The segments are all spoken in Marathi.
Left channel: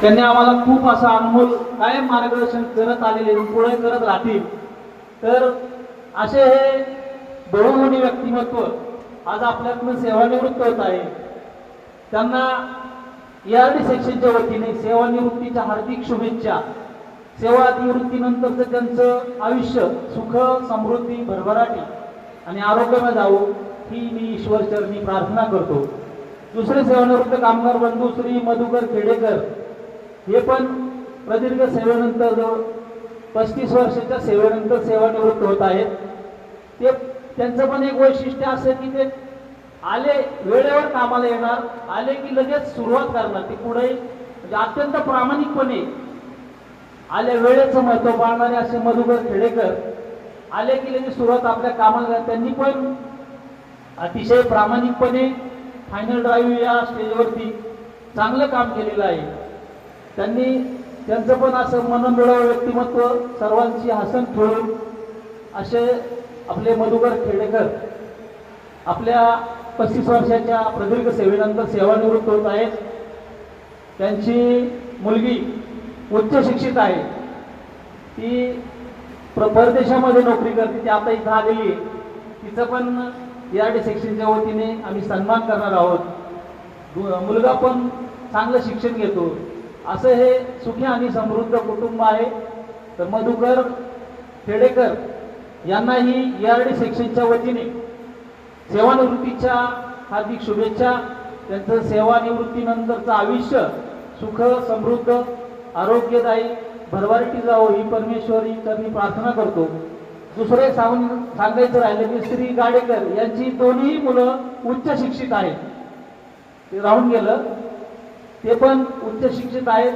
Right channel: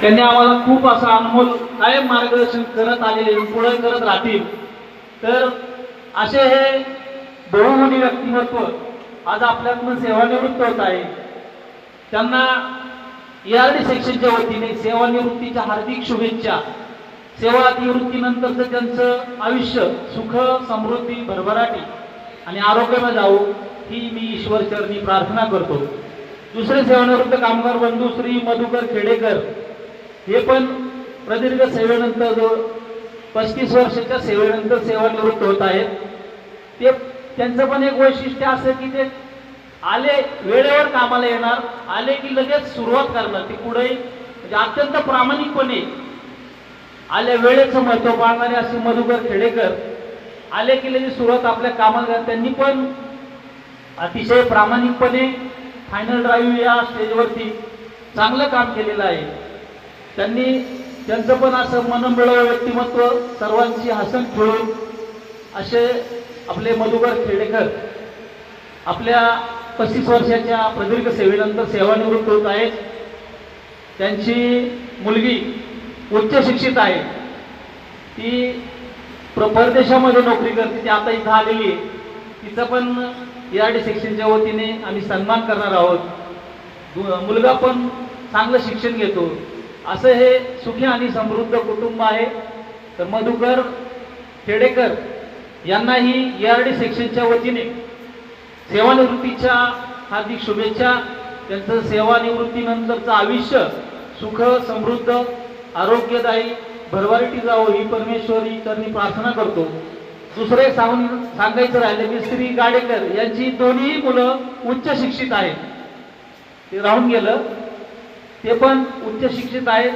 त्यांनी आम्हाला खूप असं अनमोल कायम मार्गदर्शन करत आलेले, पुढे करत राहतील. तर असे हे बहुमुखी व्यक्तिमत्व आज आपल्याकडून सेवानिवृत्त होत आहे. त्यांना ERD सेक्शनच्या वतीने सेवानिवृत्तीच्या हार्दिक शुभेच्छा. सेवा निवृत्तीनंतरचं त्यांचं आयुष्य सुख समृद्धी भरभराटी आणि आरोग्याने जावो ही मी ईश्वर चरणी प्रार्थना करतो. दुसरे सेवानिवृत्त कामगार बंधू श्री मधुकर खेडेकर हे पण प्रदीर्घ सेवेनंतर 35 वर्षाच्या सेवेनंतर सेवानिवृत्त होत आहेत. ते त्यांचं पण एक वैशिष्ट्य असं की ते आले वेळेवर कामाला येणार, आले की लगेच सुरुवात करणार. ते पुढे म्हणजे अत्यंत प्रामाणिकपणे आल्या वेळेचं महत्व पाळणारे असे मधुकर खेडेकर आले की लगेच सुरुवात आपल्या कामाला. त्यांनी पण अतिशय प्रामाणिकपणे फायनल ड्राईव्ह या स्टेजवरती चांगलं काम केलेलं आहे. त्यांचं पण असं मनमिळावं व्यक्तिमत्व, सर्वांची हसन खेळून असे आपले मधुकर खेडेकर आपल्या 35 वर्षाच्या प्रदीर्घ सेवेनंतर सेवानिवृत्त होत आहेत. त्यांची मुलगी उच्च शिक्षित आहे, ती परदेशामध्ये नोकरी करते, ती आता इथं आलेली आहे. तिचं पण ERD सेक्शनच्या वतीने आम्ही सन्मान करणार आहोत. मुलगा पण चांगलं शिक्षण घेतो. असं हे सुखी आणि समृद्ध कुटुंब आहे. तर मधुकर खेडेकर यांनाही ERD सेक्शनच्या वतीने सेवानिवृत्तीच्या हार्दिक शुभेच्छा. त्यांचं सेवानिवृत्तीनंतरचं आयुष्य सुख समृद्ध आरोग्यदायी भरभराटी जावो ही परमेश्वरी चरणी प्रार्थना करतो. दुसरे सांगायचं राहिले की श्री गाडेकर यांची दोन्ही मुलं उच्च शिक्षित आहेत. ते राहून गेलं, ते पण उच्च शिक्षित आहेत.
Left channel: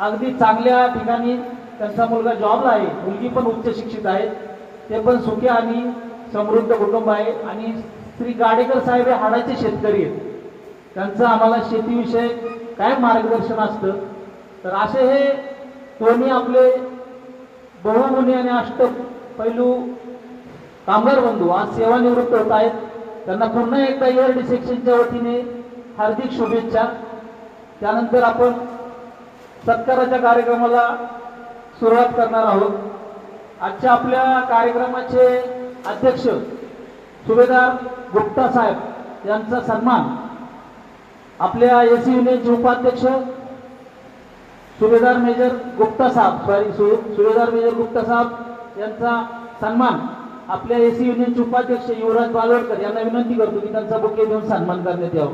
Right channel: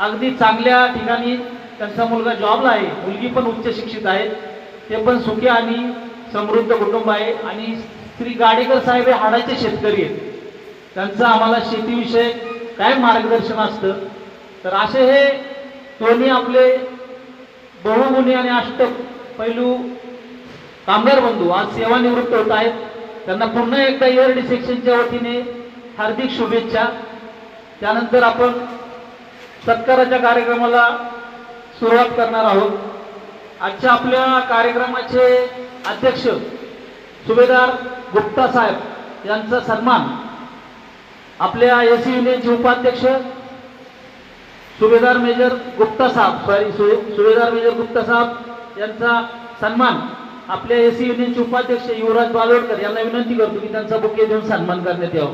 अगदी चांगल्या ठिकाणी त्यांचा मुलगा जॉबला आहे, मुलगी पण उच्च शिक्षित आहे. ते पण सुखी आणि समृद्ध कुटुंब आहे. आणि श्री गाडेकर साहेब हे हाडाचे शेतकरी आहेत. त्यांचं आम्हाला शेतीविषयी काय मार्गदर्शन असतं. तर असे हे दोन्ही आपले बहुमुखी आणि अष्टपैलू कामगार बंधू आज सेवानिवृत्त होत आहेत. त्यांना पुन्हा एकदा ERD सेक्शनच्या वतीने हार्दिक शुभेच्छा. त्यानंतर आपण सत्काराच्या कार्यक्रमाला सुरुवात करणार आहोत. आजच्या आपल्या कार्यक्रमाचे अध्यक्ष सुभेदार गुप्ता साहेब यांचा सन्मान, आपल्या AC युनियनचे उपाध्यक्ष सुभेदार मेजर गुप्ता साहेब यांचा सन्मान आपल्या AC युनियनचे उपाध्यक्ष युवराज बालवडकर यांना विनंती करतो की त्यांचा बुके देऊन सन्मान करण्यात यावा.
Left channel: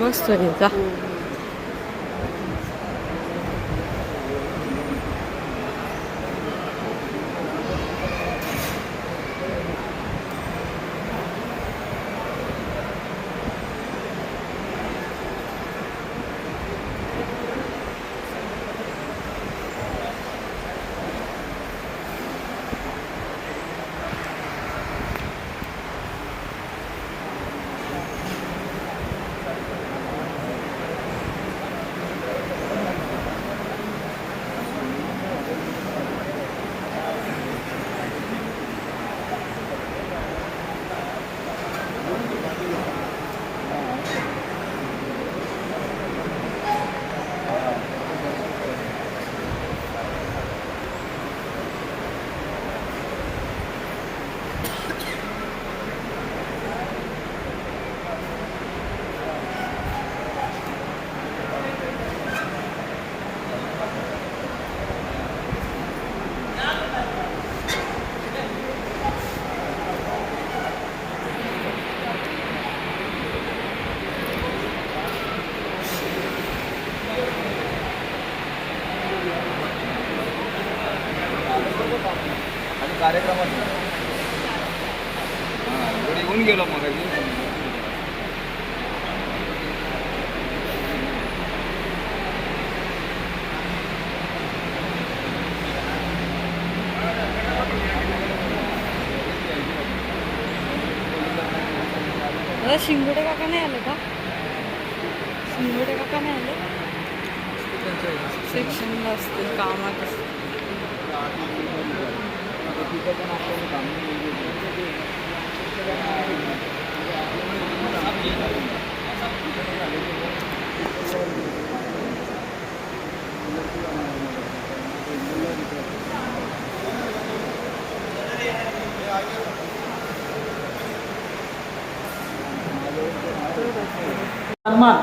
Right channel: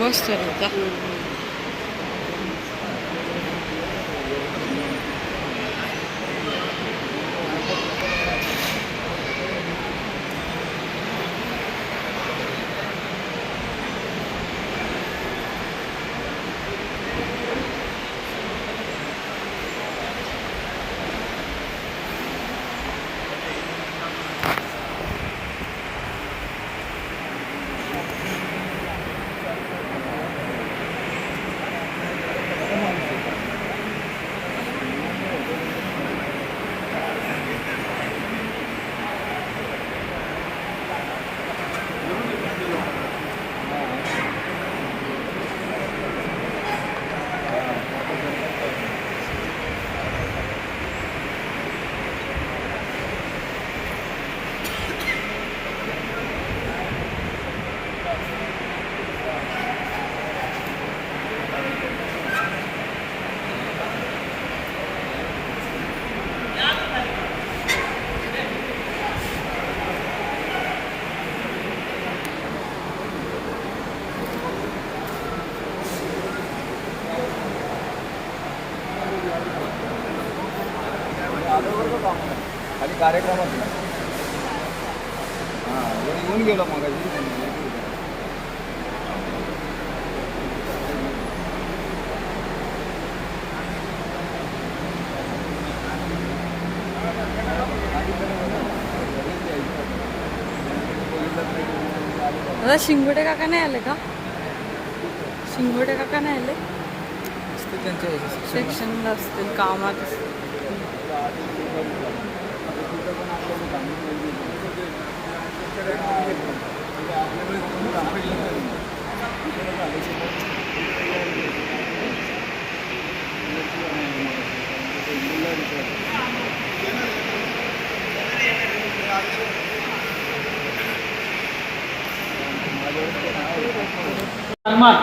बस जा. गेला मग दादा शिंगोटे काका नाही आले का? शिंगोटे काका नाही आले? सेक्शनला असतील कामात असतील. सन्मान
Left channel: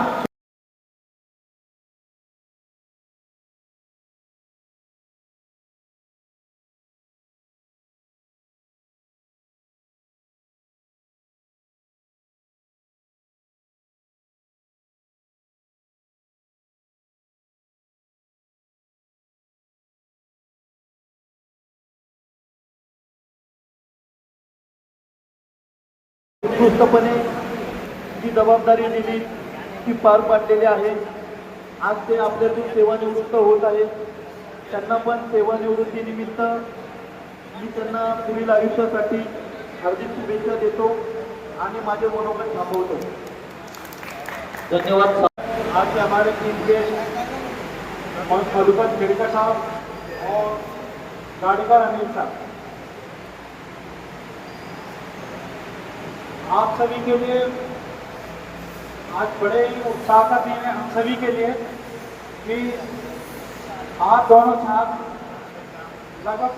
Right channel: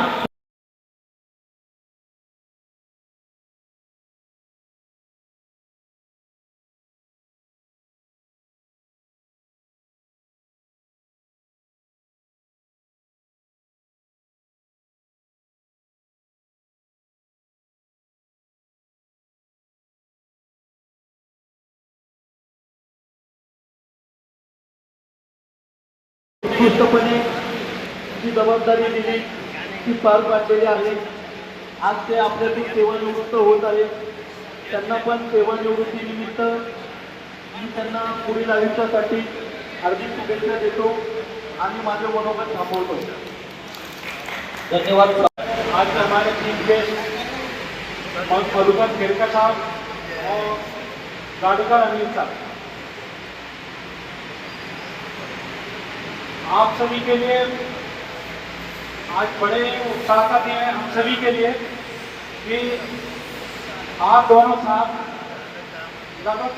उत्कृष्टपणे जी जबाबदारी दिली ती पार पाडलेली आहे. आज ते आपल्यातून सेवानिवृत्त होत आहेत. त्यांना पण सेवानिवृत्तीनिमित्त मी त्यांना पुढील आयुष्यासाठी हार्दिक शुभेच्छा देतो आणि माझे मनोगत थांबवतो. धन्यवाद. आज हमारे टीम के मधुकर खेड़कर साहब और गाड़ीकर अनिल साहब, आप सभी के लिए आज बड़े उत्साह का दिन है हम सभी के लिए कि आप दोनों साथ लगभग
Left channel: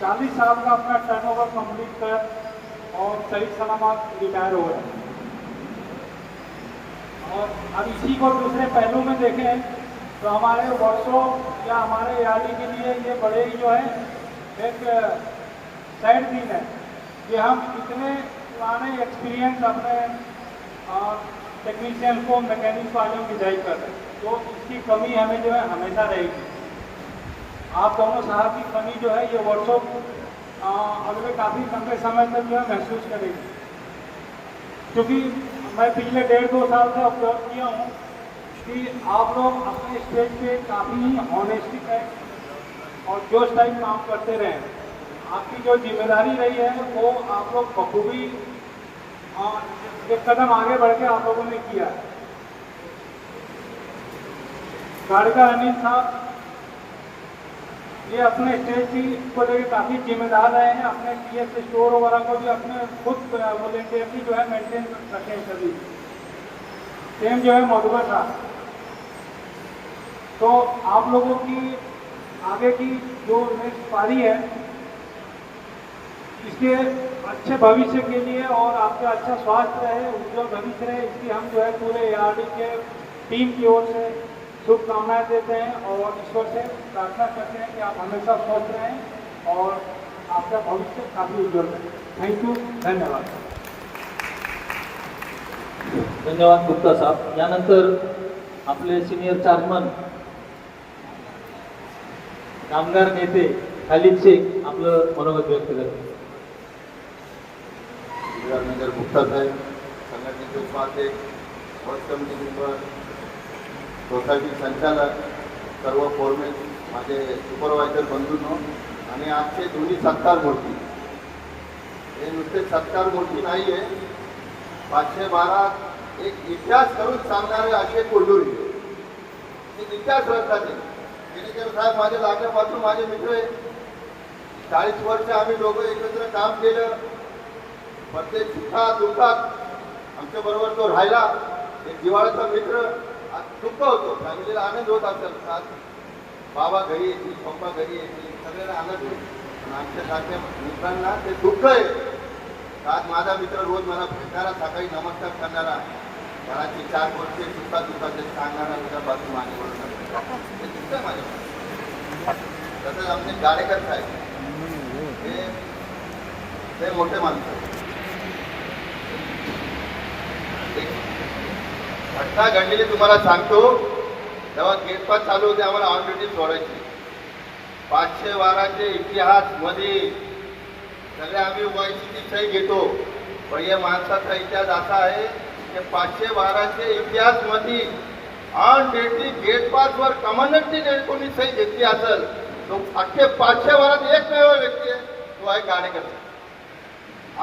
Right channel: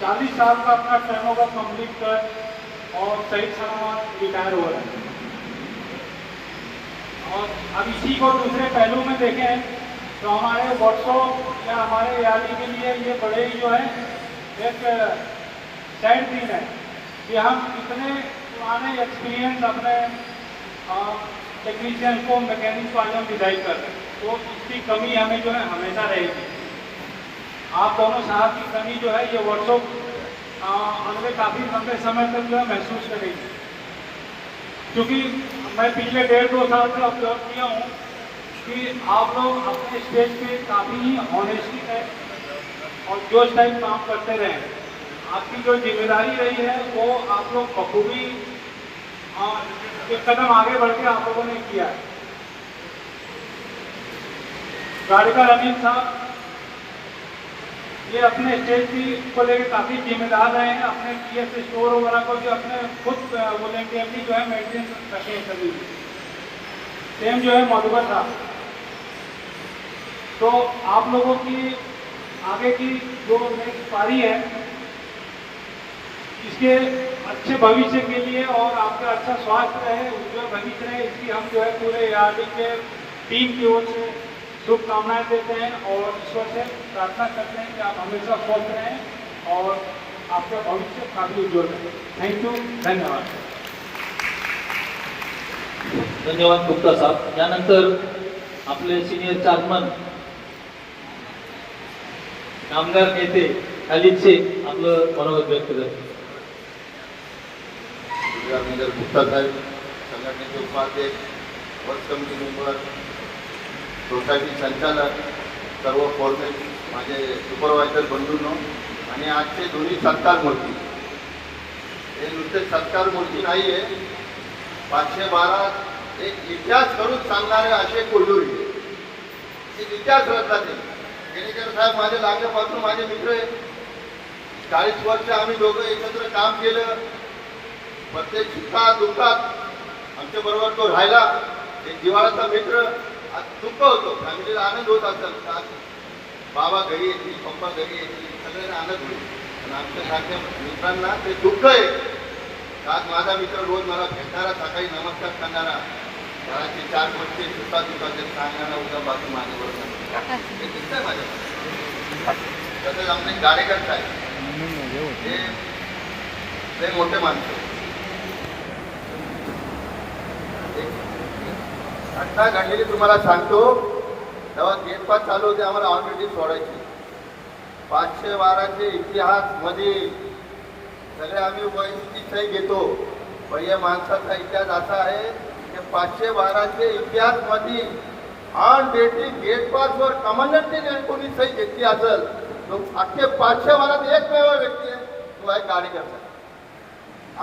40 साल का अपना टर्नओवर कंप्लीट कर और सही सलामत रिटायर हो रहे हैं. और अब इसी को दूसरे पहलू में देखें तो हमारे वर्षों या हमारे यारी के लिए ये बड़े ही जो है एक सैड दिन है कि हम इतने पुराने एक्सपीरियंस अपने टेक्नीशियन को मैकेनिक्स वाले हम डिजाइन कर रहे हैं. तो इसकी कमी हमें जो है हमेशा रहेगी. आप दोनों साहब की कमी जो है ये वर्षों अगले काफ़ी लंबे समय तक जो है महसूस करेगी. क्योंकि मैं पिछले 1.5-2 साल से ऑब्जर्व किया हूँ कि आप लोग अपने स्टेज पे काफ़ी ही ऑनेस्टी टाइप और जोश टाइप काम करते रहे. आपकी जो जिम्मेदारी रही है वो आप लोग बखूबी एक कदम आगे बढ़ के आप लोगों ने किया. गाड़ीकर अनिल साहब ये अपने स्टेज की को लेकर काफ़ी जिम्मेदार रहे हैं. अपने टीएस स्टोर वगैरह को भी अपने खुद वॉलेंटियरली जो है मेंटेन कर सके सभी. सेम जो है मधुकर साहब. तो आप लोगों की आगे की जो नेक्स्ट पारी है इसके अच्छे भविष्य के लिए और आपका अच्छा स्वास्थ्य रहे, उज्जवल भविष्य रहे, इसकी हम जो है पूरे ARD के टीम की ओर से शुभकामनाएं देते हैं और ईश्वर से प्रार्थना करते हैं कि आप हमेशा स्वस्थ रहें और आपका भविष्य काफ़ी उज्जवल रहे. Thank you. धन्यवाद. धन्यवाद गुप्ता साहब. यानंतर आपले सिनियर चेअरमन कामगार नेते खालिद शेख आपलं मनोगत व्यक्त करतात. नगर गुप्ता साहेब, संघटनेचे उपाध्यक्ष, वर्क कमिटी मेंबर, सोसायटी संचालक, सर्व फोरमेन, माझे सुपरवायझर बंधूंनो आणि आजचे दोन्ही सत्कार मूर्ती. हे नुसते सत्कार मूर्ती नाही आहे, 512 एक इतिहास करून सांगणारे असे कोल्हूरी एक इतिहास रचला. ते केळेकर साहेब माझे लागल्यापासून माझे मित्र आहे. 40 वर्ष आम्ही दोघं एकत्र काम केलं. प्रत्येक सुखात दुःखात आमच्या बरोबर तो राहिला. एक जिव्हाळ्याचा मित्र. आज दुःख होतो, फॅमिलीला आनंद होत असतात. आज बाबा घरी येतील, पप्पा घरी येतील, सगळ्यांना आनंद होईल. पण आमच्यासारख्या मित्रांना ते दुःख आहे. आज माझा मित्र रोज मला भेटणारा, सकाळी नमस्कार करणारा, घराचे 4 वर्षे सुखात दुःखाचे सांगणारा उद्यापासून माझ्याबरोबर हे दिसतंय माझ्या. तसंच आमचे गाडेकर साहेब हे मोठे माणसं. घटना घडलेली तुम्हाला सांगतो. तेव्हा गेट पास चालू होते, आम्हाला ऑलरेडी सोडायची. 512चे इतिहास मध्ये सगळे आम्ही वैयक्तिक सही घेतो. पहिल्या माणसाचा इतिहास असा आहे की 512चे इतिहासमध्ये ऑन डेटी गेट पासवर कमांडंटची कोणी सही घेतली असेल तो अख्खे 512 एकमेव व्यक्ती आहे, तो आहे गाडेकर.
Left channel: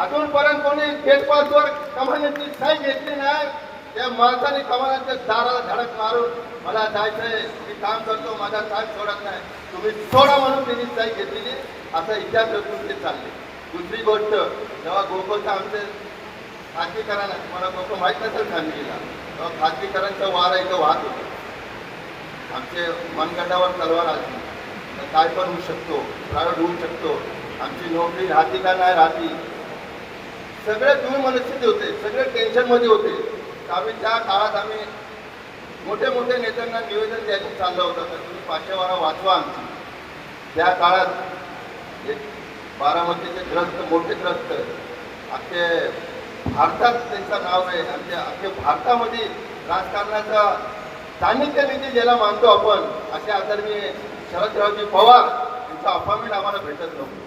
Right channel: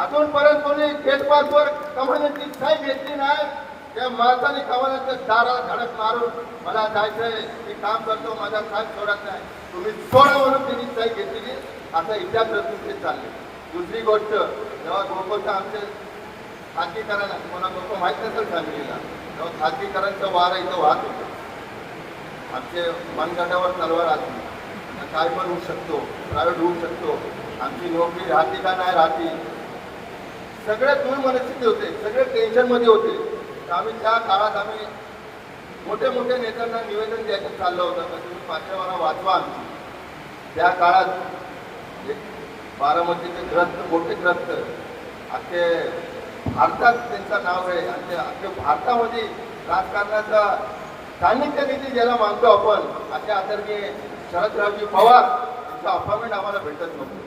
अजूनपर्यंत कोणी गेट पासवर कमांडंटची सही घेतली नाही. त्या माणसाने कमांडंटच्या दाराला धडक मारून मला जायचंय, मी काम करतो, माझा साहेब सोडत नाही, तुम्ही सोडा म्हणून त्यांनी सही घेतलेली असं इतिहास रचून ते चालले. दुसरी गोष्ट, जेव्हा गोकुळचं आमचे खाजगीकरण मला गोष्ट माहीत नसेल सांगलीला, तेव्हा खाजगीकरणचं वारा इथं वाहत होतं. आमचे मनगटावर तलवार आली तर काय पण होऊ शकतो, प्रायव्हेट होऊ शकतो, आमची नोकरी राहते का नाही राहते, सगळे दूर मनस्थिती होते, सगळे टेन्शनमध्ये होते. तर आम्ही त्या काळात आम्ही मोठे मोठे नेत्यांना निवेदन द्यायचं चाललं होतं तर तुम्ही 512 वाचवा. त्या काळात एक बारामतीचे ग्रस्त, मोठे ग्रस्त अख्खे भारतात त्यांचं नाव आहे आणि त्या अख्खे भारतामध्ये राजकारणाचा सान्निध्य निधी ज्याला मानतो आपण, असे आदरणीय शरदरावजी पवार यांचं अपॉइंटमेंट आम्हाला भेटत नव्हतं.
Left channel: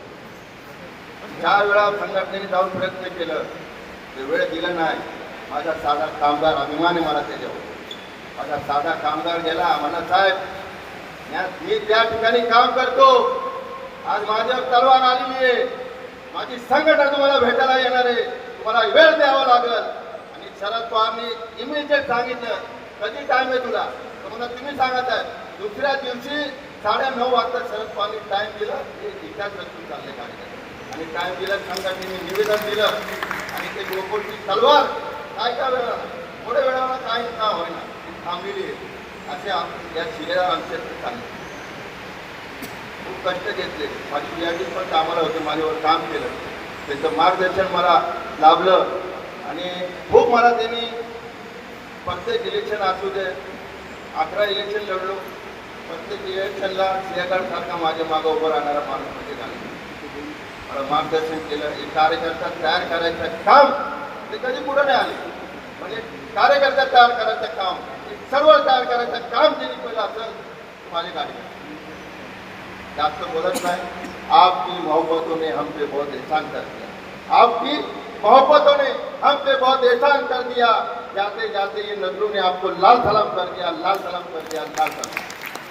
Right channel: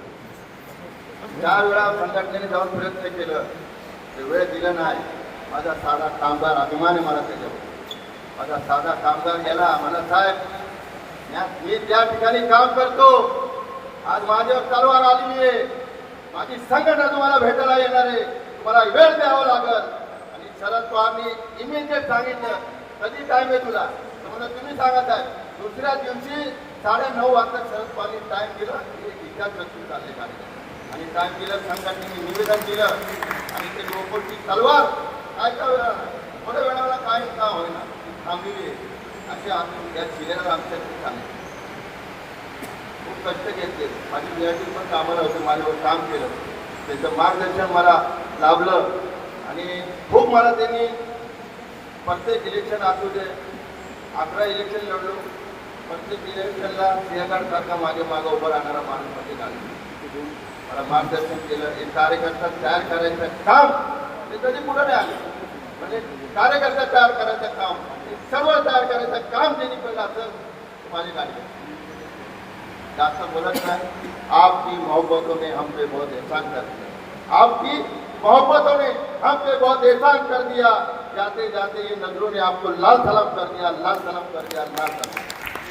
ज्या वेळा संघटनेने जाऊन प्रयत्न केलं ते वेळ दिलं नाही. माझा साधा कामगार अभिमान आहे मला त्याच्यावर. माझा साधा कामगार गेला, मला साहेब मी त्या ठिकाणी काम करतो, आज माझ्यावर तलवार आलेली आहे, माझी संघटना तुम्हाला भेटायला येणार आहे, तुम्हाला वेळ द्यावा लागेल. आणि शरद पवारनी इमिजिएट सांगितलं कधी टाइम आहे तुला, तर मला तुम्ही सांगत आहे. दुसऱ्या दिवशी 9:30 वाजता शरद पवारनी टाइम दिला, ते इतिहास रचून चालले गाडी आणि टाइम दिलं, संघटनेने निवेदन दिलं आणि ते गोकुळची तलवार काय वेळा थोड्या वेळाला काय का होईना थांबलेली आहे. असे या शिलेदार आमच्या सांगितले. खूप कष्ट घेतले, माझी मॅटिंग पण कामाला होते, माझ्यावर काम केलं, त्यांचं मार्गदर्शन मला लाभलं आणि खूप मला त्यांनी प्रत्येक इलेक्शन असू दे, 11 इलेक्शन लढलो, प्रत्येक इलेक्शनला सिंहगडसारखा माझ्या मागं उभं राहणारा माणूस म्हणजे झाला. मला मार्गदर्शन केलं. एक कार्यकर्ता तयार करायचं काम ते कधी पुढं नाही आले, म्हणजे कार्यकर्ता तयार करायचं काम, सर्व तयार करायचं काम ज्यांनी पहिलं असेल माझे कार्यकर्ते. जास्त बोलत नाही. आपकी मोहब्बतों ने हम पे बहुत एहसान कर दिया, आपकी मोहब्बतों ने हम पे बहुत एहसान कर दिया, जाते जाते ये नजरों ने आपको लाल सलाम कर दिया, लाल सलाम कर दिया, लाल सलाम.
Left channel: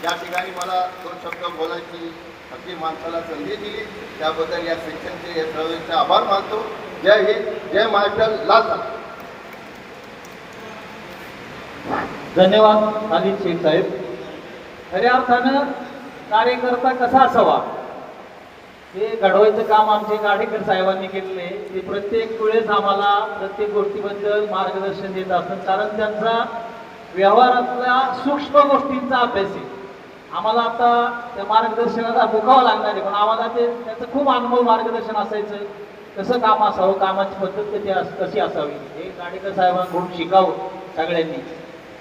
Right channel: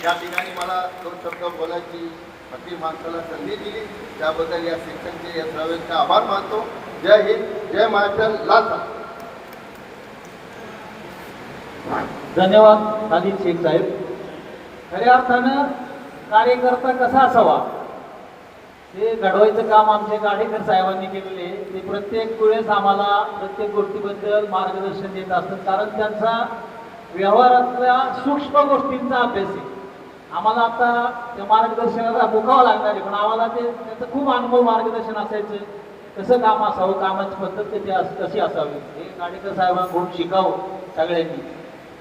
या ठिकाणी मला 2 शब्द बोलायची अति माणसाला संधी दिली, त्याबद्दल या शिक्षणचे या सर्वांचे आभार मानतो. जय हिंद, जय महाराष्ट्र, लाल सलाम. धन्यवाद खालिद शेख साहेब. खऱ्या अर्थानं कार्यकर्ता कसा असावा हे घडवायचं काम आमचे गाडेकर साहेबांनी केलेले. ते प्रत्येक वेळेस आम्हाला प्रत्येक गोष्टीबद्दल मार्गदर्शन देत असतात, कारण त्यांचा व्यवहारातल्या सूक्ष्म गोष्टींचा अभ्यास आहे. आम्हाला आता त्या मार्गदर्शनाला भुकावं लागणार आहे, पण आम्हाला त्याचं खूप अनुभव मार्गदर्शन असायचं, कसं काम असावं, कामाची पद्धत कशी असावी हे गाडेकर साहेबांकडून शिकावं सगळ्यांनी.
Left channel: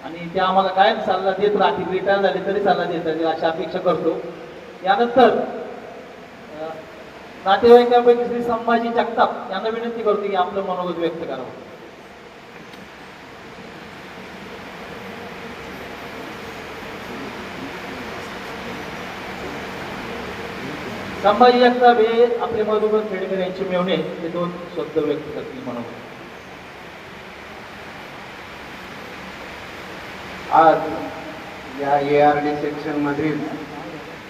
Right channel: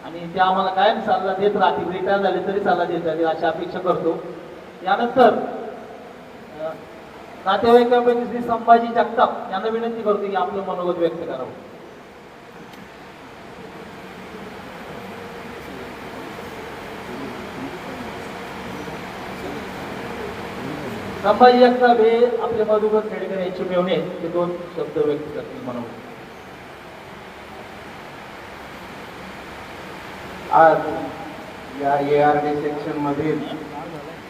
आणि ते आम्हाला कायम सल्ला देत राहतील, रिटायर झाले तरी सल्ला देत राहतील अशी अपेक्षा करतो. यानंतर नातेवाईकांपैकी श्री संभाजी जगताप यांना विनंती करतो की आपलं मनोगत व्यक्त करावं. संभाजी जगताप हे आपले मधुकर खेडेकर यांचे मेवणे, ते 2 शब्द व्यक्त करतील म्हणून. आज या ARD सेक्शनमधील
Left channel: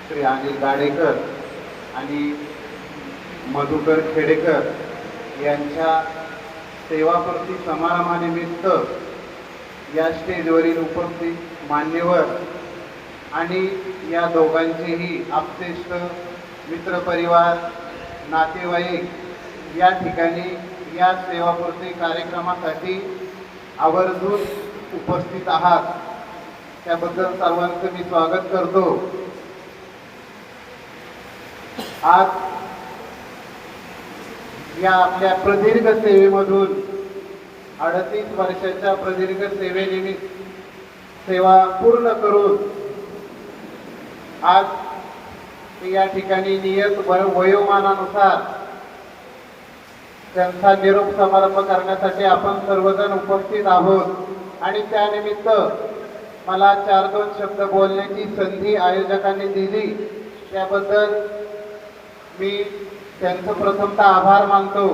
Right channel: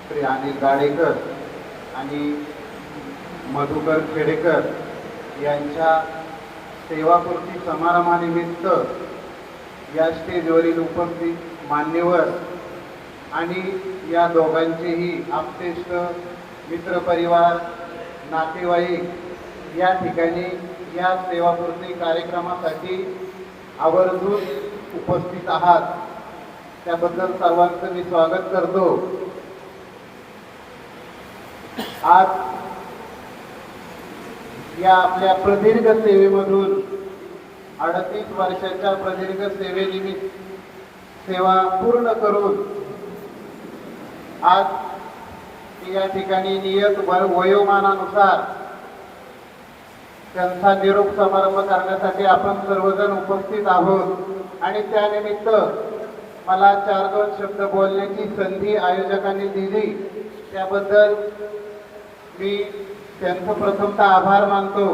श्री अनिल गाडेकर आणि मधुकर खेडेकर यांच्या सेवापूर्ती समारंभानिमित्त या स्टेजवरील उपस्थित मान्यवर आणि या दोघांचेही आप्तेष्ट मित्रपरिवार नातेवाईक या ठिकाणी या सेवापूर्ती कार्यक्रमासाठी आवर्जून उपस्थित आहात, त्याबद्दल सर्वांचं मी स्वागत करतो. आज या आपल्या प्रदीर्घ सेवेमधून 38 वर्षाच्या प्रदीर्घ सेवेनिमित्त सेवा पूर्ण करून आज या ठिकाणी नियत वयोमानानुसार त्यांचा निरोप समारंभ करण्यासाठी आपण सर्वजण उपस्थित आहोत आणि त्यानिमित्त मला 4-2 शब्द बोलण्याची संधी आयोजकांनी दिली, त्याबद्दल मी त्यांचं प्रथमतः आभार मानतो.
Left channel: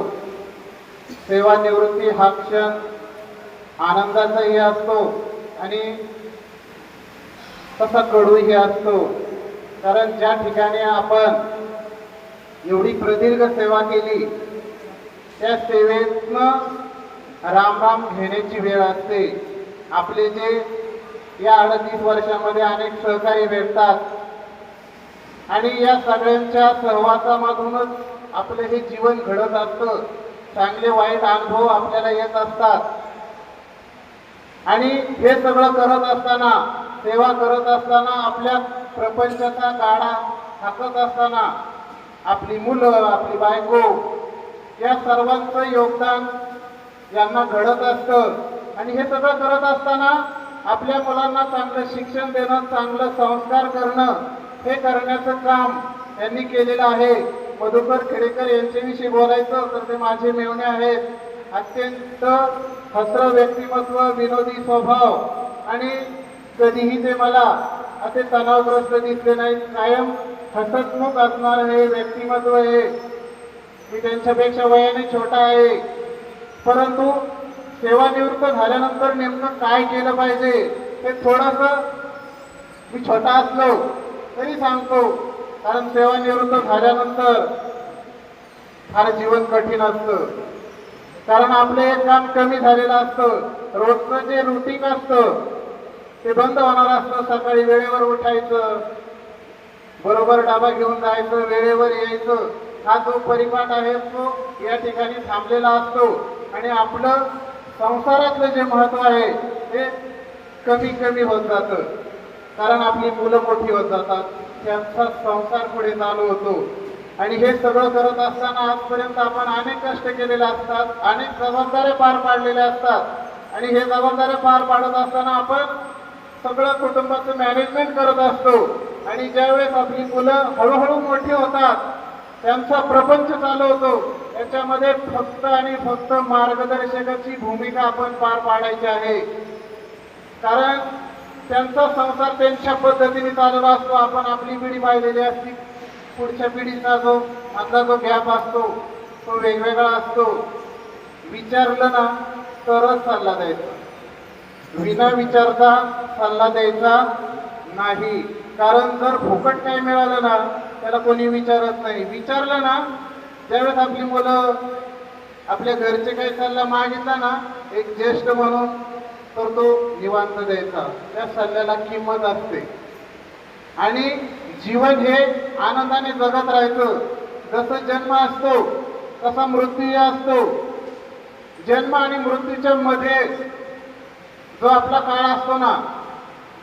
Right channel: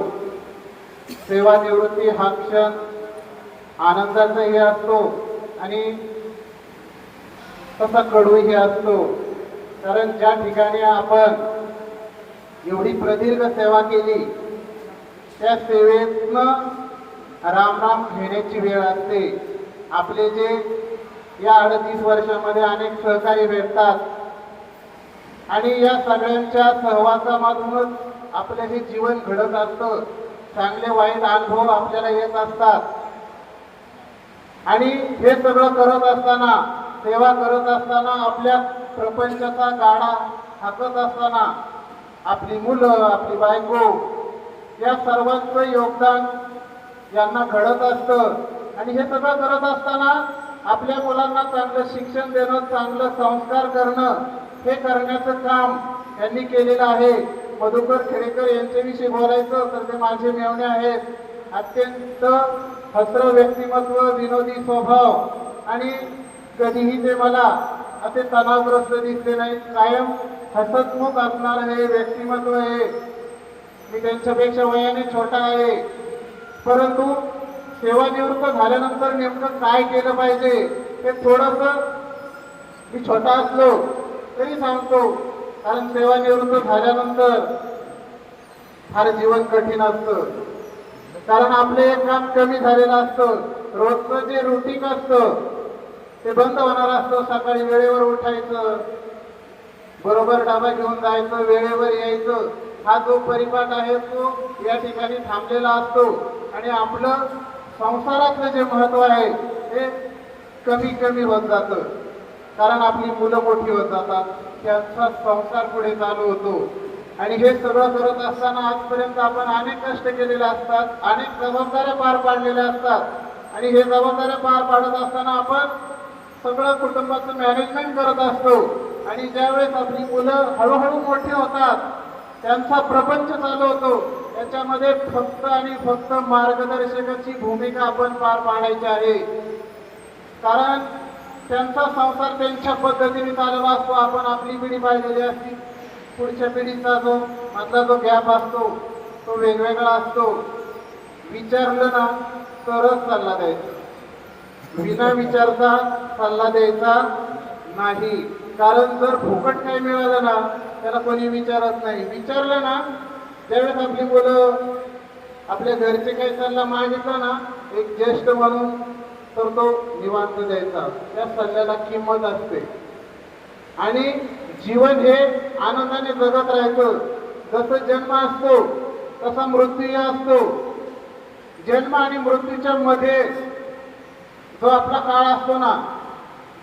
सेवानिवृत्ती हा क्षण आनंदाचाही असतो आणि तसा कडूही असतो. कारण ज्या ठिकाणी आपण एवढी प्रदीर्घ सेवा केली त्या सेवेतनं राम राम घेण्याची वेळ असते. आपले जे या 38 वर्षामध्ये अनेक सहकारी भेटतात आणि या सगळ्यांच्या सहवासामधूनच आपलं हे जीवन घडत असतं. चांगले वाईट अनुभव आपल्याला येत असतात आणि हे सगळं करत असताना, सेवा करत असताना, आपल्या प्रपंचाचा गाडा हाकत असताना आपली मुलं, आपली बायको या सर्वांचं योगदान यांना घडत असतं. आणि हे सगळं करत असताना आपल्या मुलांना चांगलं शिक्षण देणं, चांगलं संस्कार करणं, हे करण्याचं काम त्यांनी केलेलं आहे. मधुकर खेडेकर यांच्याविषयी बोलायचं तर ते माझे मेवणे आहेत. अत्यंत हसरं व्यक्तिमत्व, विनोदी स्वभाव आणि कधीही ते मला असे तणावग्रस्त दिसले नाहीत. कायम हसतमुख असणार हे व्यक्तिमत्व आहे. मी त्यांच्यापेक्षा वयाने छोटा आहे, परंतु सेवानिवृत्त झाल्यानंतर नेमकं काय केलं पाहिजे हे थोडंसं मी छोटा असलो तरी सांगतो. कारण सेवानिवृत्त झाल्यानंतर फार जीवन कठीण असतं. कारण आपलं एक काम कमी झालेलं असतं. रोजचं जे रुटीन असतं ते बंद होणार असतं. सकाळी वेळेवर उठायचं, बरोबर डबा घेऊन जायचं, वेळेवर यायचं. हा जो परिपाठ आहे तो या ठिकाणी थांबलेला असतो आणि आपलं संसारातलं जे महत्व आहे ते कमी कमी होत जातं. कारण आपली मुलं मोठी होत जातात, त्यांचा संसार पुढे चालू होतो. आणि हे सगळं करत असताना आजपर्यंत आपण अनेक कष्ट केलेले असतात, अनेक जबाबदाऱ्या पार पाडलेल्या असतात आणि हे जबाबदाऱ्या पार पाडत असताना आपण सगळं कुटुंबाचं मॅनेजमेंट करत असतो. आणि ज्यावेळेस आपली मुलं हळूहळू मोठी होतात, त्यांचा प्रपंच चालू होतो, त्याच्यामध्ये फक्त आणि फक्त मार्गदर्शकाची भूमिका आपण पार पाडायची आहे. कारण त्यांचा संसार त्यांच्या पद्धतीने चालत असतो. आपण आपली पिढी पाहिलेली असती, पुढच्या पिढीचा जो मधला जो गॅप असतो तो वेगवेगळा असतो. विचारलं ना तरच सल्ला द्यायचा, विना विचारता सल्ला द्यायचा नाही. कारण जर फुकट काही मिळालं ना त्याला कोणी विचारत नाही. विचारलं ना त्यावेळेस आपली मुलं, आपल्या घरचे काही सल्ला मागितला ना, एक ज्येष्ठ म्हणून तर तो निवांत द्यायचा. त्या सल्ल्याला किंमत असते. आणि जीवन हे आनंदाने जगत राहायचं. जसं जन्म असतो तसा मृत्यूही असतो. जन्म आणि मृत्यूच्या मध्ये जो आपला काळ असतो ना,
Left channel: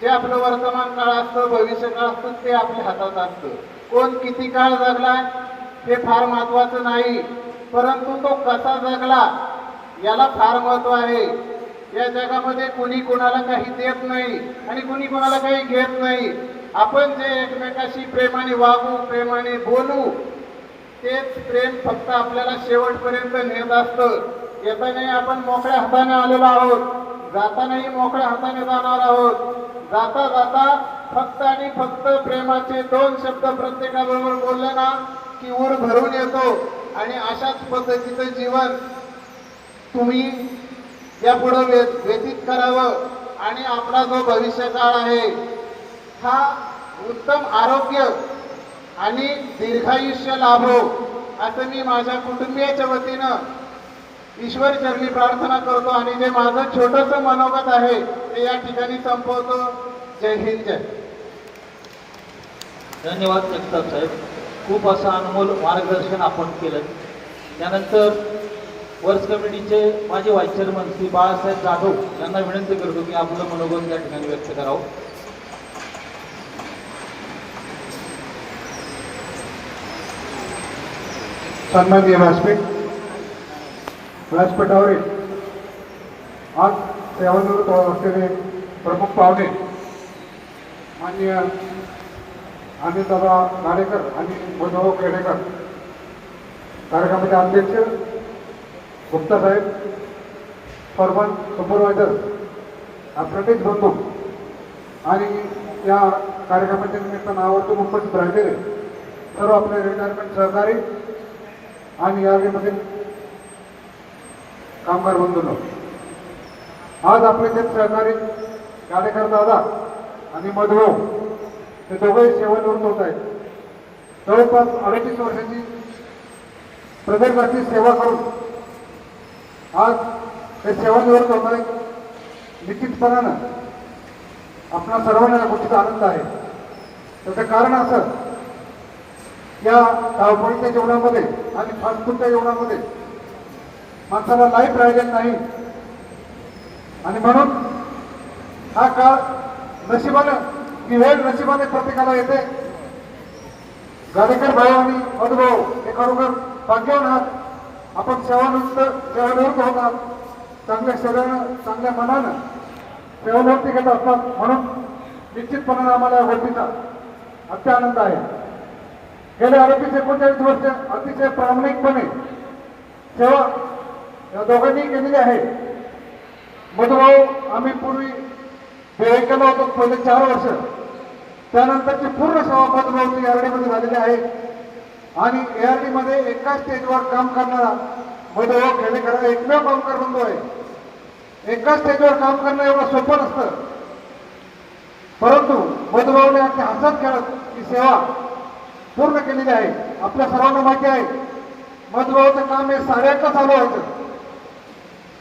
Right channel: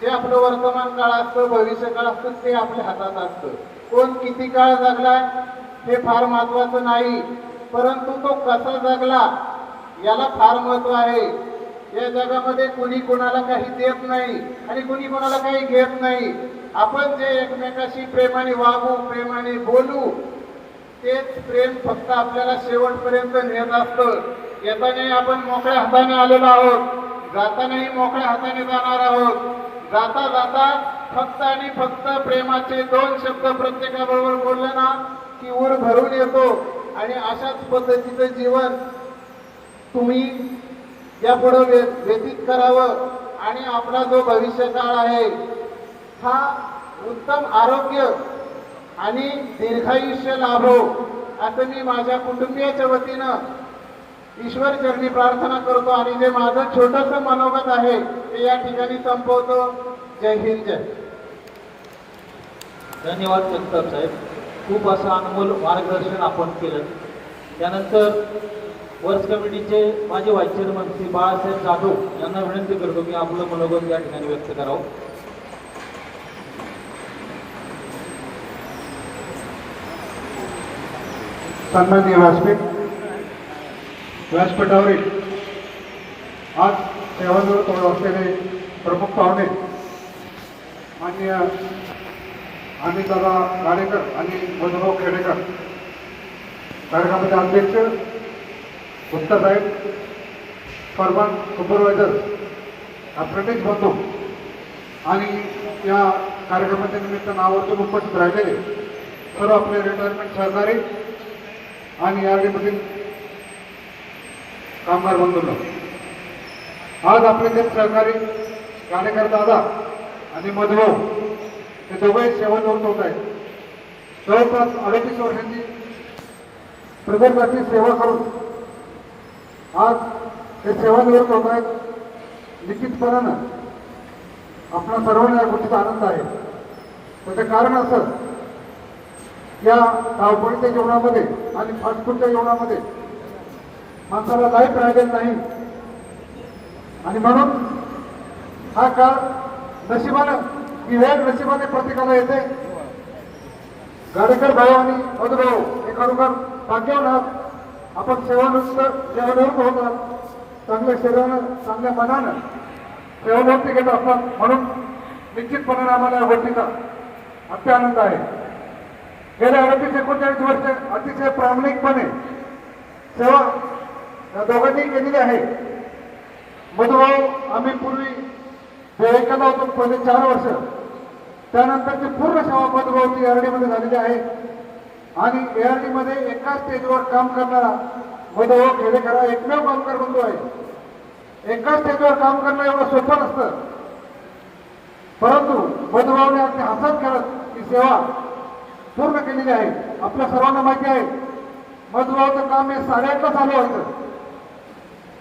जे आपलं वर्तमान काळ असतं, भविष्य काळ असतं, ते आपल्या हातात असतं. कोण किती काळ जगलाय हे फार महत्वाचं नाही, परंतु तो कसा जगला याला फार महत्व आहे. या जगामध्ये कुणी कोणाला काही देत नाही आणि कुणी कोणाला काही घेत नाही. आपण जे एकमेकाशी प्रेमाने वागू, प्रेमाने बोलू, तेच प्रेम फक्त आपल्याला शेवटपर्यंत नेत असतं. येतानाही आपण मोकळ्या हाताने आलेलो आहोत, जातानाही मोकळ्या हाताने जाणार आहोत. जाता जाता फक्त आणि फक्त प्रेमाचे 2 शब्द प्रत्येकाबरोबर बोललं ना की ऊर भरून येतो. आणि अशाच पद्धतीचं जीवन तुम्ही यापुढे व्यतीत करावं आणि आपला जो भविष्य काळ आहे हा उत्तम आरोग्य आणि दीर्घायुष्य लाभो, असं मी माझ्या कुटुंबियाच्या वतीनं ईश्वर चरणी प्रार्थना करतो. आणि जे माझं छोटंसं मनोगत आहे ते या ठिकाणी संपवतो. जय हिंद, जय. धन्यवाद जगताप साहेब. खूप असं अनमोल मार्गदर्शन आपण केलं. त्यानंतर वर्स कमिटीचे माझे व्हाईस चेअरमन श्री बाळासाहेब जाधव यांना विनंती करतो की आपलं मनोगत या ठिकाणी व्यक्त करावं. सन्माननीय व्यासपीठ, व्यासपीठावरील आज सेवानिवृत्त असलेले प्रमुख पाहुणे माननीय अनिलदादा गाडेकर आणि मधुभाऊ खेडेकर, कार्यक्रमाचे अध्यक्ष गुप्ता साहेब, परमन सुपरवायझर, अप्रेंटिस बंधू आणि या कार्यक्रमाच्या निमित्त नावातून उपस्थित राहिलेले सर्व आपले रिटायरमेंट सहकारी आणि यादीमधील कामगार बंधूंनो, आज आपले जे सहकारी गाडेकर दादा आणि मधुभाऊ हे दोघे सेवानिवृत्त होत आहेत. जवळपास 38 वर्षांची प्रदर्गाची सेवा करून आज हे सेवानिवृत्त होत आहेत. निश्चितपणानं आपल्या सर्वांना या गोष्टीचा आनंद आहे. त्याचं कारण असं, या धावपळीच्या जीवनामध्ये आणि फास्टफूडच्या जीवनामध्ये माणसाला लाईफ राहिलेलं नाही आणि म्हणून हा काळ नशिबानं ही वेळ नशिबाने प्रत्येकाला येते. गाडेकर भाऊ आणि मधुभाऊ हे खरोखर भाग्यवान आहात. आपण सेवानिवृत्त होतात, चांगल्या शरीरानं चांगल्या मनानं सेवानिवृत्ती घेत असतात. म्हणून निश्चितपणे आम्हाला या गोष्टीचा अत्य आनंद आहे. गेल्या 38-39 वर्ष अतिशय प्रामाणिकपणे सेवा या दोघांनी केलेली आहे. मधुभाऊ आम्ही पूर्वी बेळगावला होतो पहिले 4 वर्ष, त्यानंतरची पूर्ण सेवा मधुभाऊची ARD झालेली आहे. आणि ARD मध्ये एकाच स्टेजवर काम करणारा मधुभाऊ खेडेकर एकमेव कामगार बंधू आहे. एकाच स्टेजवर काम करणं एवढं सोपं नसतं, परंतु मधुभाऊने अगदी हसत खेळत ही सेवा पूर्ण केलेली आहे. आपल्या सर्वांना माहिती आहे मधुभाऊचं काम हे 8:30ला चालू व्हायचं.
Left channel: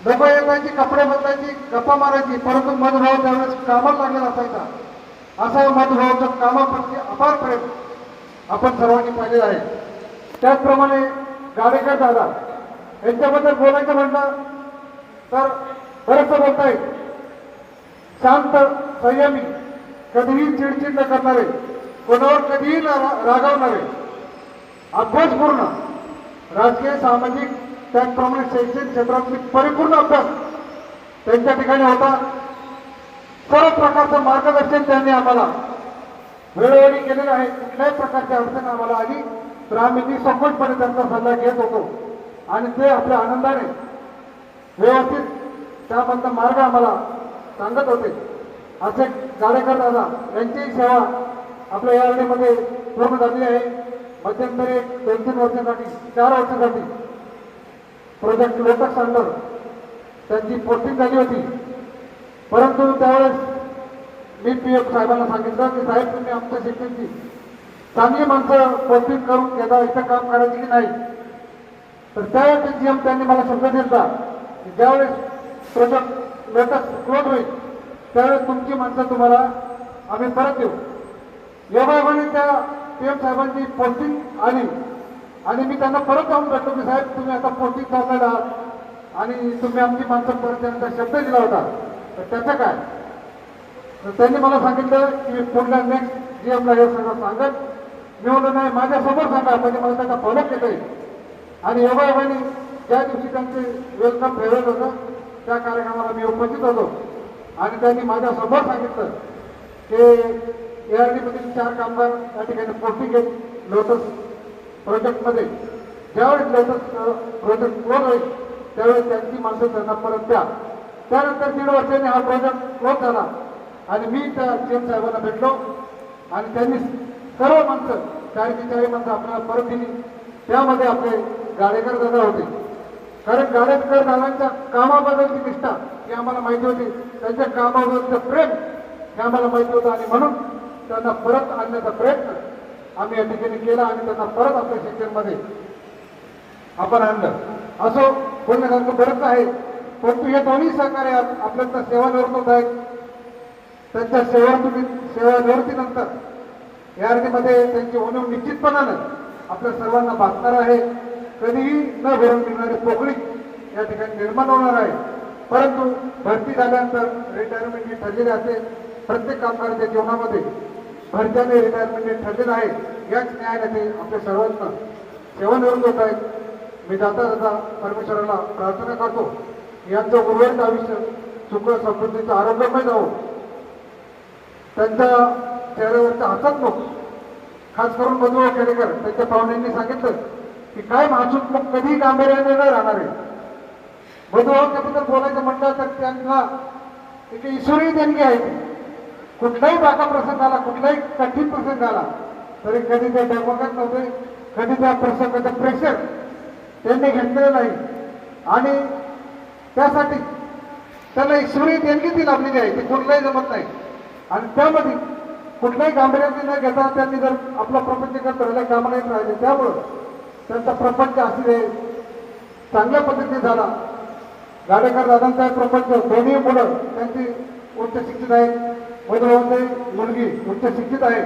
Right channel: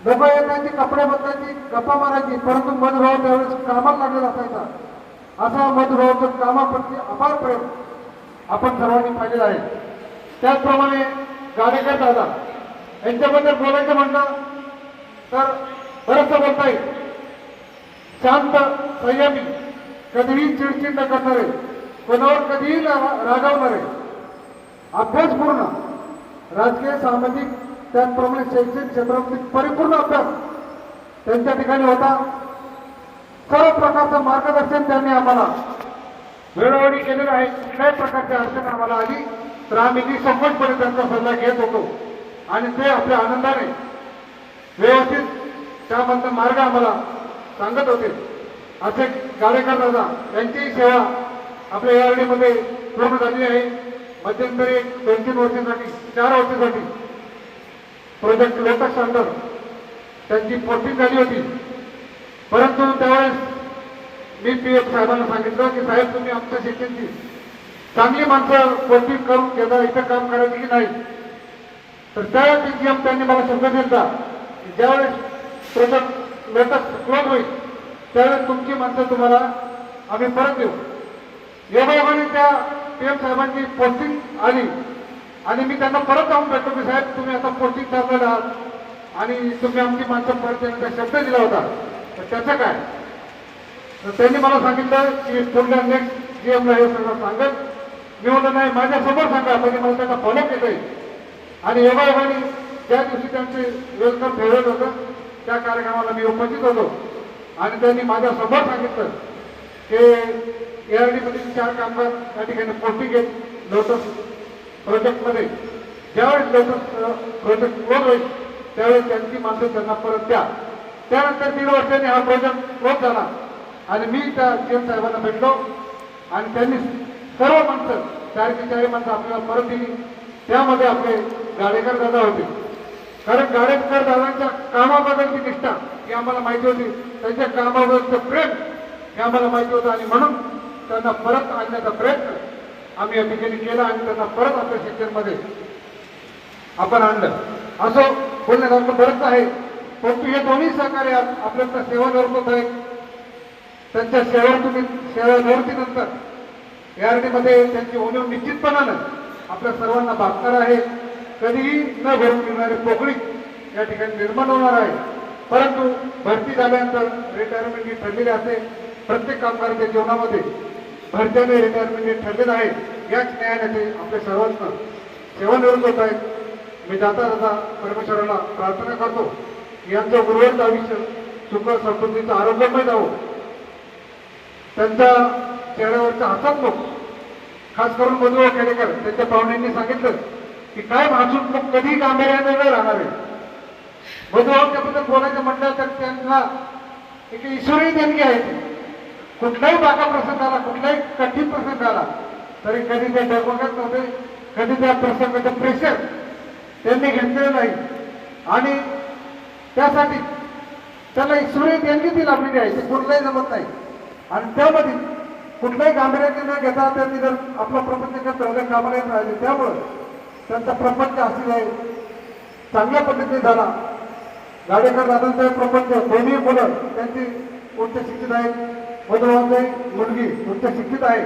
लोक येण्याची, कपडे बदलायची, गप्पा मारायची, परंतु मधुभाऊ त्यावेळेस कामाला लागलेला असायचा. असं मधुभाऊचं कामाप्रती अपार प्रेम आपण सर्वांनी पाहिलेलं आहे. त्याचप्रमाणे गाडेकर दादा यांच्याबद्दल बोलायचं म्हटलं तर बरंचसं बोलता येईल. शांत, संयमी, कधीही चिडचिड न करणारे, कोणावर कधीही रागावणारे, अभ्यासपूर्ण, राजकीय, सामाजिक, त्याचप्रमाणे शैक्षणिक क्षेत्रातील परिपूर्ण अभ्यास त्यांच्या ठिकाणी होता. सर्व प्रकारचं मार्गदर्शन त्यांनी आम्हाला वेळोवेळी केलेलं आहे. कुठल्याही प्रकारची अडचण आम्हाला आली तर आम्ही निसंकोचपणे त्यांचा सल्ला घेत होतो आणि ते आपल्या आनंदाने व्यवस्थित त्यामधला मार्ग आम्हाला सांगत होते. असे गाडेकर दादा यांचीही सेवा आपल्या ARD मध्ये पूर्ण झाली आहे. मध्यंतरी 2-3 वर्षासाठी, 4 वर्षासाठी प्रोजेक्ट लोटस सेंटर त्यांची पोस्टिंग झाली होती. परंतु त्यावेळेस मी PF साहेबांना सांगितलं की साहेब, तुम्ही आमच्या शिक्षणची चांगली माणसं पोस्टिंग करून घेता, इथं काम करायची की नाही. तर त्यावेळेस GM त्यांनी मला शब्द दिला की ज्यावेळेस प्रोजेक्ट लोटस क्लोज होईल त्यावेळेस तुमची माणसं तुम्हाला आम्ही परत देऊ. योगायोगाने त्या PM साहेबांची पोस्टिंग आली आणि मी त्यांना परत जाऊन भेटलो की साहेब, तुम्ही आता पोस्टिंग चाललेला आहात आणि तुम्ही आमची माणसं परत देण्याचा शब्द दिला होता, तर त्याचं काय. तर त्यांनी मला सांगितलं की पुढल्या नेक्स्ट GMला हे सगळं सांगत. मी म्हणलं नाही, माझ्यासमोर सांगा, म्हणजे मला त्यांना फॉलो केलंय. आणि योगायोगाने ज्या दिवशी त्यांचे वेलकम फेअरवेल होतं त्या कार्यक्रमाला मी उपस्थित होतो आणि त्यांनी माझ्यासमोर सांगितलं की ARD मधील 4 कामगार त्या ठिकाणी पोस्टिंग घेत लोटस प्रोजेक्टमध्ये. ज्यावेळेस लोटस प्रोजेक्ट क्लोज होईल त्यावेळेस त्यांची माणसं त्यांना परत द्या. त्यानंतर 3 वर्षांनी हा प्रोजेक्ट क्लोज झाला आणि मी त्या GM साहेबांना भेटलो आणि त्यांनी सर्व माणसं 4 माणसं आपल्याला परत दिली. त्यामध्ये आपले गाडेकर दादा होते. कारण गाडेकर दादांच्या कामाबद्दलची निष्ठा ही आम्हाला माहिती होती, त्यांच्या कामाबद्दलचं प्रेम हे आम्हाला माहिती होतं आणि म्हणून त्यांना परत आणण्याचा प्रयत्न आम्ही या ठिकाणी केला आणि त्यांना परत आपल्या सेक्टरमध्ये आपण आणलं. असं बोलण्यासारखं बरंच आहे, परंतु हे दोन्ही सहकार्य आपल्याला सेवानिवृत्त आहेत. त्यांच्या सेवानिवृत्तीनंतर ARD मध्ये त्यांची उणीव निश्चितपणानं आपल्या सर्वांना भासणार आहे. कधीही न भरून निघणारी पोकळी या ठिकाणी निर्माण होणार आहे. परंतु भरती झाल्यानंतर रिटायरमेंट ही ठरलेली असते. प्रत्येक कामगाराच्या जीवनामध्ये भरती आणि रिटायरमेंट ठरलेलं आहे. याच न्यायाने आपल्या सर्वांना सेवानिवृत्त होत आहेत. मी जाता जाता परमेश्वराला प्रार्थना करतो यांचं उर्वरित आयुष्य सुख समृद्धीचं आरोग्यमय जावं. त्यांच्या चेहऱ्यावरचा हसतमुख, खास करून मधुभाऊ खेडेकर त्यांच्या पाहुण्यांनी सांगितलं की काय हसतमुख कधी गांभीर्याने न राहणार आहे. मधुभाऊच्याबद्दल बोलायचं म्हटलं तर त्यांना एक ईश्वरी देणगी आहे. कुठलाही बाका प्रसंग आला, कुठलाही कठीण प्रसंग आला तरी कधी ते डगमगत नव्हते, कधी त्या प्रसंगाचं प्रेशर त्यांनी घेतलेलं नाही आणि त्यासाठी त्याला ईश्वरी देणगी ती लाभलेली आहे, ते कुठलाही जमत नाही. आणि त्यामध्ये कुठल्याही गांभीर्याने न घेता त्यांनी जर आपला प्रपंच करायला कामाला येत राहिले, त्यामुळं त्यांचा प्रपंच अतिशय चांगल्या पद्धतीने झाला. गाडेकर दादांचा प्रपंच दोन्ही मुलं त्यांची उच्च शिक्षित आहेत, मधुभाऊंची मुलगी उच्च शिक्षित आहे,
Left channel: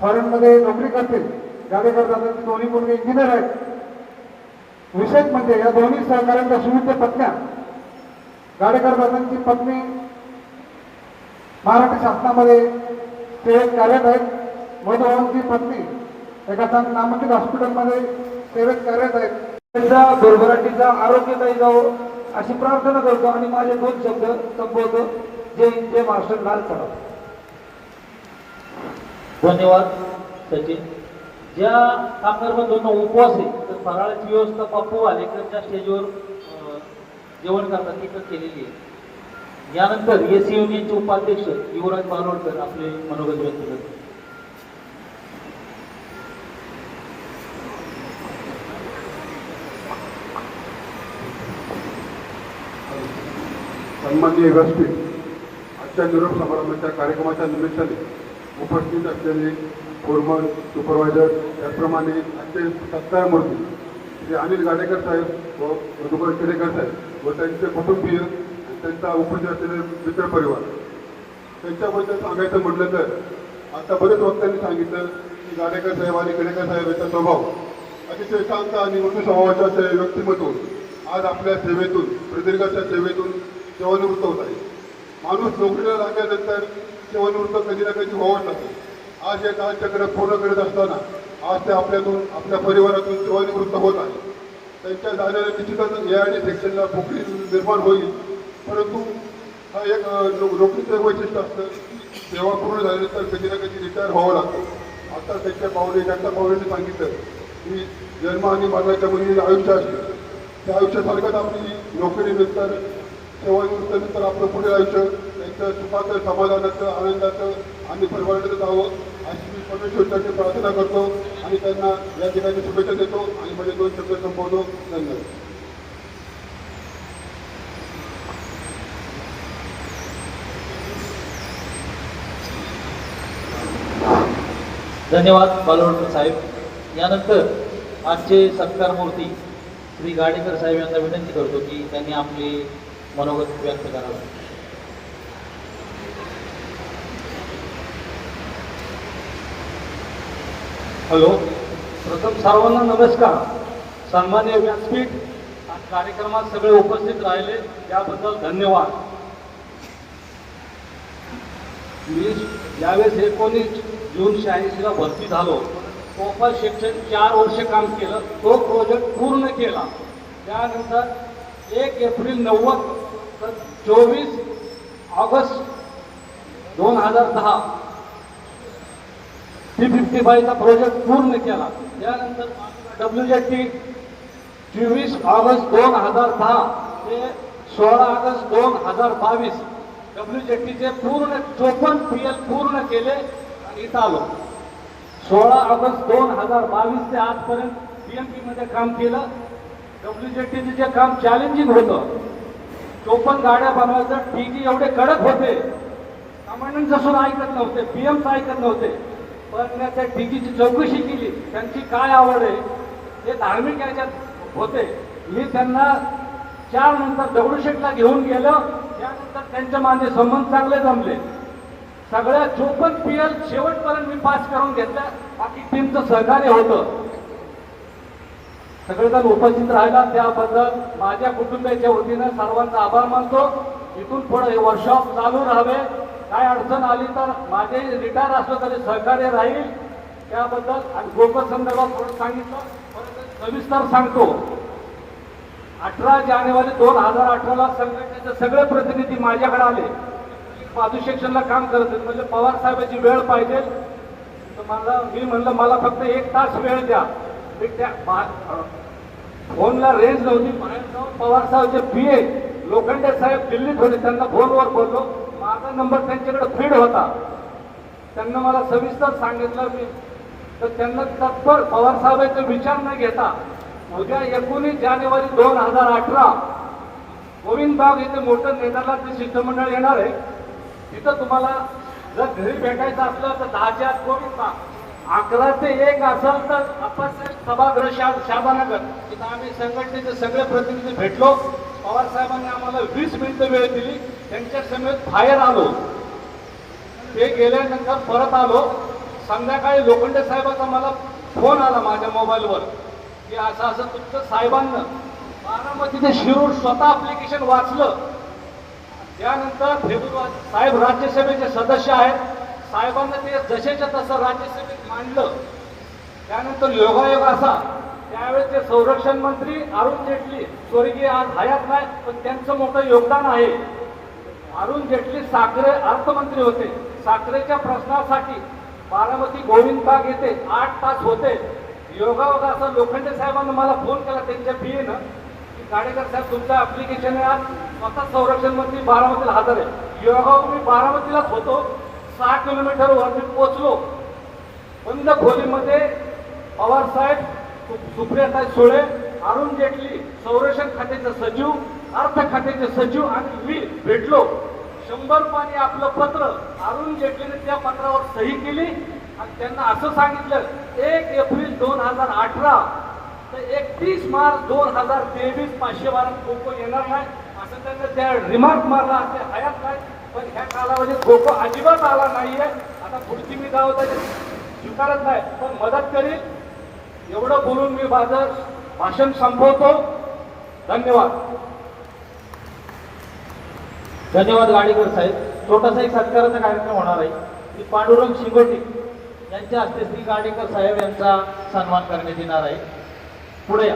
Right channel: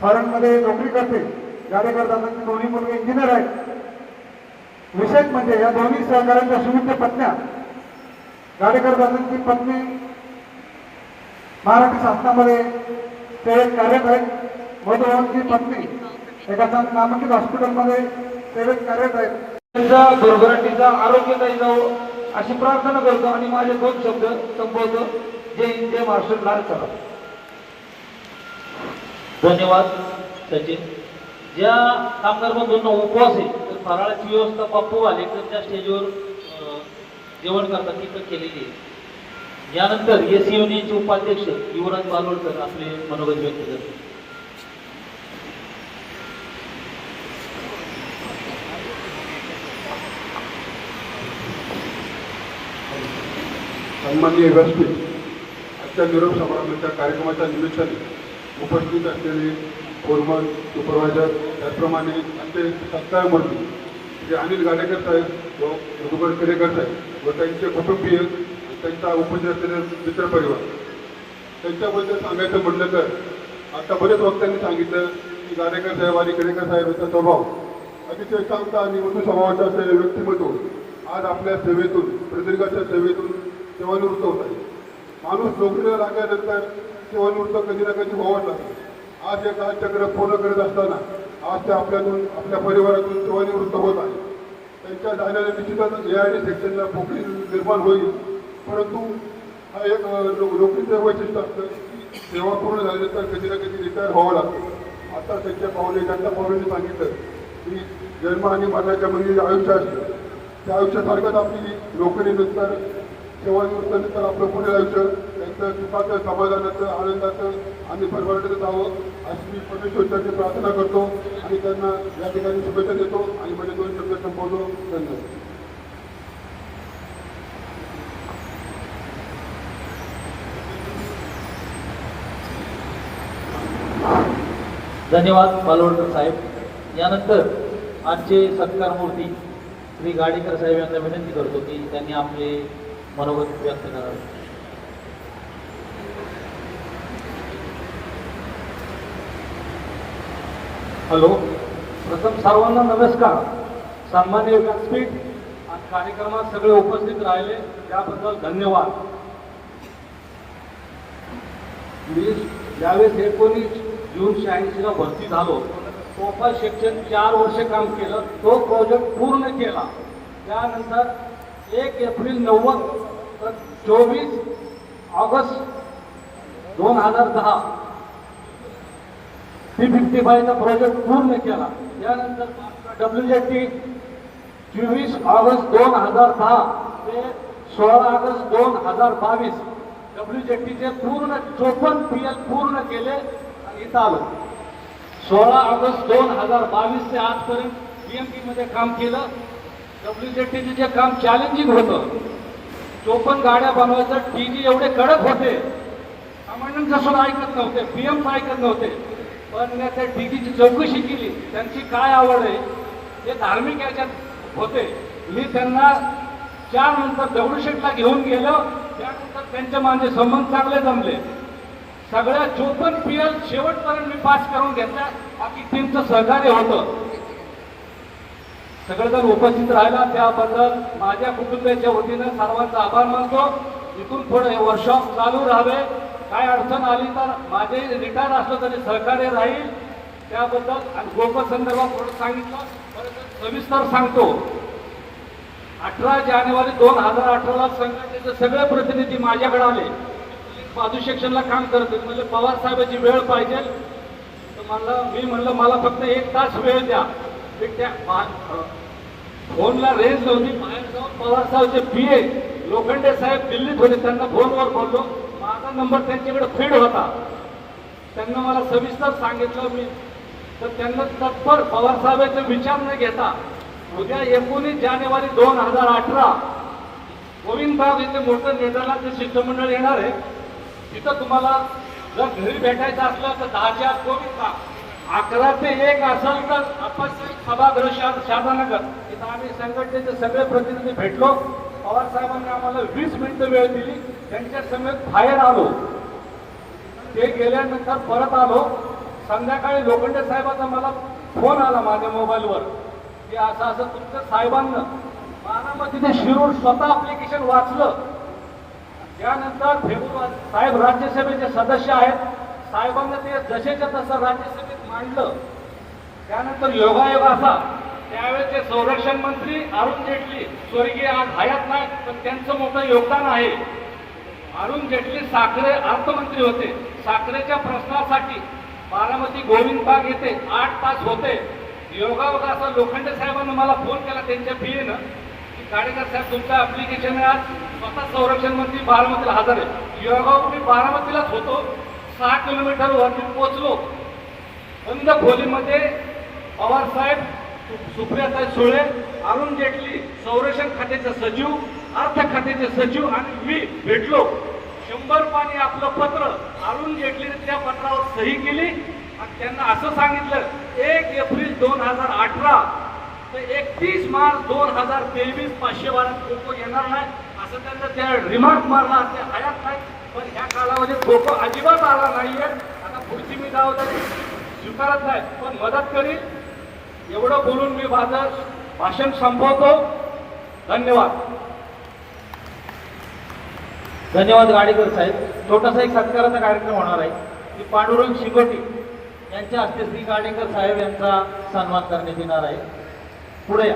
फॉरेनमध्ये नोकरी करते. गाडेकर दादांचे दोन्ही मुलगे इंजिनियर आहेत. विशेष म्हणजे या दोन्ही सहकार्यांच्या सुविध पत्न्या, गाडेकर दादांची पत्नी महाराष्ट्र शासनामध्ये सेवेत कार्यरत आहेत, मधुभाऊंची पत्नी एका नामांकित हॉस्पिटलमध्ये सेवेत कार्यरत आहेत. त्यांचा भरभराटीचा आरोग्यदायी जावं अशी प्रार्थना करतो आणि माझे 2 शब्द संपवतो. जय हिंद, जय महाराष्ट्र, लाल चला. धन्यवाद सचिन. ज्या कामगार बंधूंना उपवास आहे तर फराळाची व्यवस्था बापू वालेकरच्या स्टेजवर जेवण करता तिथं केलेली आहे. यानंतर एस युनियनचे उपाध्यक्ष युवराज बालोडकर आपले मनोगत व्यक्त करतात. सन्माननीय व्यासपीठ, आजच्या निरोप समारंभाच्या कार्यक्रमाच्या निमित्ताने उपस्थित असलेले फोरमन, सुपरवायझर, त्याचप्रमाणे आमचे सत्कार मूर्ती जे अनिल गाडेकर साहेब व मधुकर केलेकर साहेब व त्यांचे कुटुंबीय, त्यांचा उपस्थित असलेले मित्रपरिवार, त्यांच्याबद्दल सांगायचं म्हटलं तर आता बरेच वक्त्यांनी सांगितलं की गाडेकर साहेब आणि केलेकर साहेब यांचा स्वभाव अतिशय शांत आणि मृदू स्वभावाच्या व्यक्तिमत्व आज आपल्या सेवेतून, प्रदीर्घाच्या सेवेतून सेवानिवृत्त होत आहे. माणूस नोकरीला लागल्यानंतर सेवानिवृत्त कधी ना कधी व्हावंच लागतं. आज हे कालचक्र पूर्ण करत असताना आज ते आपल्यातून, आपल्या परिवारातून सेवानिवृत्त होत आहे. त्यांच्या जाण्याने निश्चितच या आणि सेक्शनला पोकळी निर्माण होईल, परंतु हा एक नोकरीचं वैशिष्ट्य असतं. सेवा पूर्ण झाल्यानंतर कधी ना कधी रिटायर व्हावं लागतं. आता त्यांच्या जनता पावलेने सांगितलं की जन्म आणि मरणाच्या म्हणजे आयुष्य असतं. त्या आयुष्यासारखंच आपली नोकरीनंतर, सेवानिवृत्तीनंतर आपलं पुढील आयुष्य त्यांचं सुखाचं, समाधानाचं, आनंदाचं आणि परिवाराचं जावं अशी मी परमेश्वराची प्रार्थना करतो आणि त्यांना या ठिकाणी शुभेच्छा देतो आणि माझे 2 शब्द संपवतो. धन्यवाद. धन्यवाद बालवडकर साहेब. यानंतर आजचे सत्कार मूर्ती श्री गाडेकर साहेब यांना विनंती करतो की त्यांनी आपले मनोगत व्यक्त करावे. हॅलो, प्रथम सर्वांना नमस्कार. सन्माननीय व्यासपीठ, आज कार्यक्रमात सगळे उपस्थित राहिले त्याबद्दल धन्यवाद. मी ज्यावेळेस 19 जून 86ला भरती झालो, कोपा शिक्षण 4 वर्ष काम केलं, तो प्रोजेक्ट पूर्ण केला. त्यानंतर 1 एप्रिल 90 तर 24 ऑगस्ट 2010 T55चा प्रोजेक्ट पूर्ण केला. त्यानंतर WJT 24 ऑगस्ट 2010 ते 16 ऑगस्ट 2022 WJTचे पूर्ण 54 PL पूर्ण केले आणि इथं आलो. 16 ऑगस्ट 2022 ते आजपर्यंत BMP मध्ये काम केलं. WJTचे जे काम चॅलेंजिंग होतं, 54 गाड्या बनवायचं, TG एवढे कडक होते, कमांडंट सुद्धा ऐकत नव्हते, PM ऐकत नव्हते. पण त्या TGची चौकशी केली, त्यांची काय आवड आहे हे धार्मिक याच्यात होते. मी त्यांना 4 नंतर दगडूशेठला घेऊन गेलो. त्यानंतर त्यांचे माझे संबंध चांगले जमले. सगळ्या 54 PL शेवटपर्यंत मी पास करून घेतल्या. बाकी टीमचं सहकार्य होतं. सगळेजण उपस्थित राहिला त्याबद्दल माझ्या कुटुंबाच्या वतीनं सर्वांचा आभार मानतो. इथून पुढे हे वर्कशॉप चालू राहावे. काय अडचण आली तर माझे रिटायर असलं तरी सहकार्य राहील त्याबद्दल. आणि लोकसंदर्भात थोडं सांगितलं, सविस्तर सांगतो. 18 जानेवारी 2018ला संघटनेचे सगळे प्रतिनिधी माझ्याकडे आले. बाजू सेक्शनला काम करत होते. म्हणजे पवार साहेबांची वेळ पाहिजे तर मी म्हणलं मला फक्त 1 तास वेळ द्या. मी त्या फोनला रेंज नव्हती. बाहेर जाऊन पवार साहेबचे PA लोखंडे साहेब दिल्लीत होते, त्यांना फोनवर बोललो. माझा नंबर त्यांच्याकडे फीड होता. त्यांना मला सविस्तर सांगितलं मी, तर त्यांना तत्पर पवार साहेबांचा विचार न घेता उद्या 19 जानेवारी 2018 गोविंद बाग इथे मोठं नेतानाचं शिष्टमंडळ येणार आहे. तिथं तुम्हाला जर घरी भेटायचं असलं तर 10च्या आत गोविंद बाग, 11 ते 1 असेल तर अप्पासाहेब सभागृह शारदानगर. तिथं आम्ही संघटनेचे सगळे प्रतिनिधी भेटलो. पवार साहेबांनी आम्हाला 20 मिनिटं वेळ दिली. त्यांच्या समेत बाहेर आलो. ते गेल्यानंतर परत आलो. संध्याकाळी लोखंडे साहेबांचा मला फोन आला माझ्या मोबाईलवर की असं असं तुमचं साहेबांना बारामती ते शिरूर स्वतः ऍप्लिकेशन वाचलं. त्यानंतर फेब्रुवारी साहेब राज्यसभेचे सदस्य आहेत. साहेबांना ते जसेच्या तसं राज्यसभेत मांडलं. त्यानंतर योगायोग असा, त्यावेळेस ते संरक्षण मंत्री अरुण जेटली स्वर्गीय आज हयात नाही, पण त्यांचं मोठं योगदान आहे. अरुण जेटली साखरे अर्थमंत्री होते. साखरेच्या प्रश्नासाठी बारामती गोविंद बाग येथे 8 तास होते. योगायोग असं लोखंडे साहेबांना मला फोन केला त्यांच्या पीएनं, गाडेकर साहेब तुमचं ऍप्लिकेशन आहे. आज स्वतः संरक्षण मंत्री बारामतीला हजर आहे. योगायोग मी बारामतीलाच होतो. 6 किलोमीटर वरती पोहोचलो. बंद खोलीमध्ये पवार साहेब, सुप्रियाताई सुळे, अरुण जेटली संरक्षण खात्याचे सचिव, अर्थ खात्याचे सचिव आणि मी भेटलो. 100 रुपयाने आपलं पत्र अरुण जेटलीने त्या पत्रावर सही केली आणि त्यांना असं सांगितलं 1 एप्रिल 2018 ते 31 मार्च 2023 512 खो-खो येणार नाही असं त्यांना त्या रिमार्क मारला. असे हयात नाही, पण ह्या कालावधीत खो-खो अजिबात आला नाहीये. आता पुढची मी जबाबदारी स्वीकारत नाही, पण मदत करील. एवढं बोलून मी माझं भाषण संपवतो. धन्यवाद. धन्यवाद गाडेकर साहेब. छोटासा एक सत्काराचा कार्यक्रम होणार आहे. मी पांडुरंग शिंगोटी यांच्या हस्ते श्री गाडेकर साहेब यांचा सन्मान करण्यात येणार आहे. पुढे या.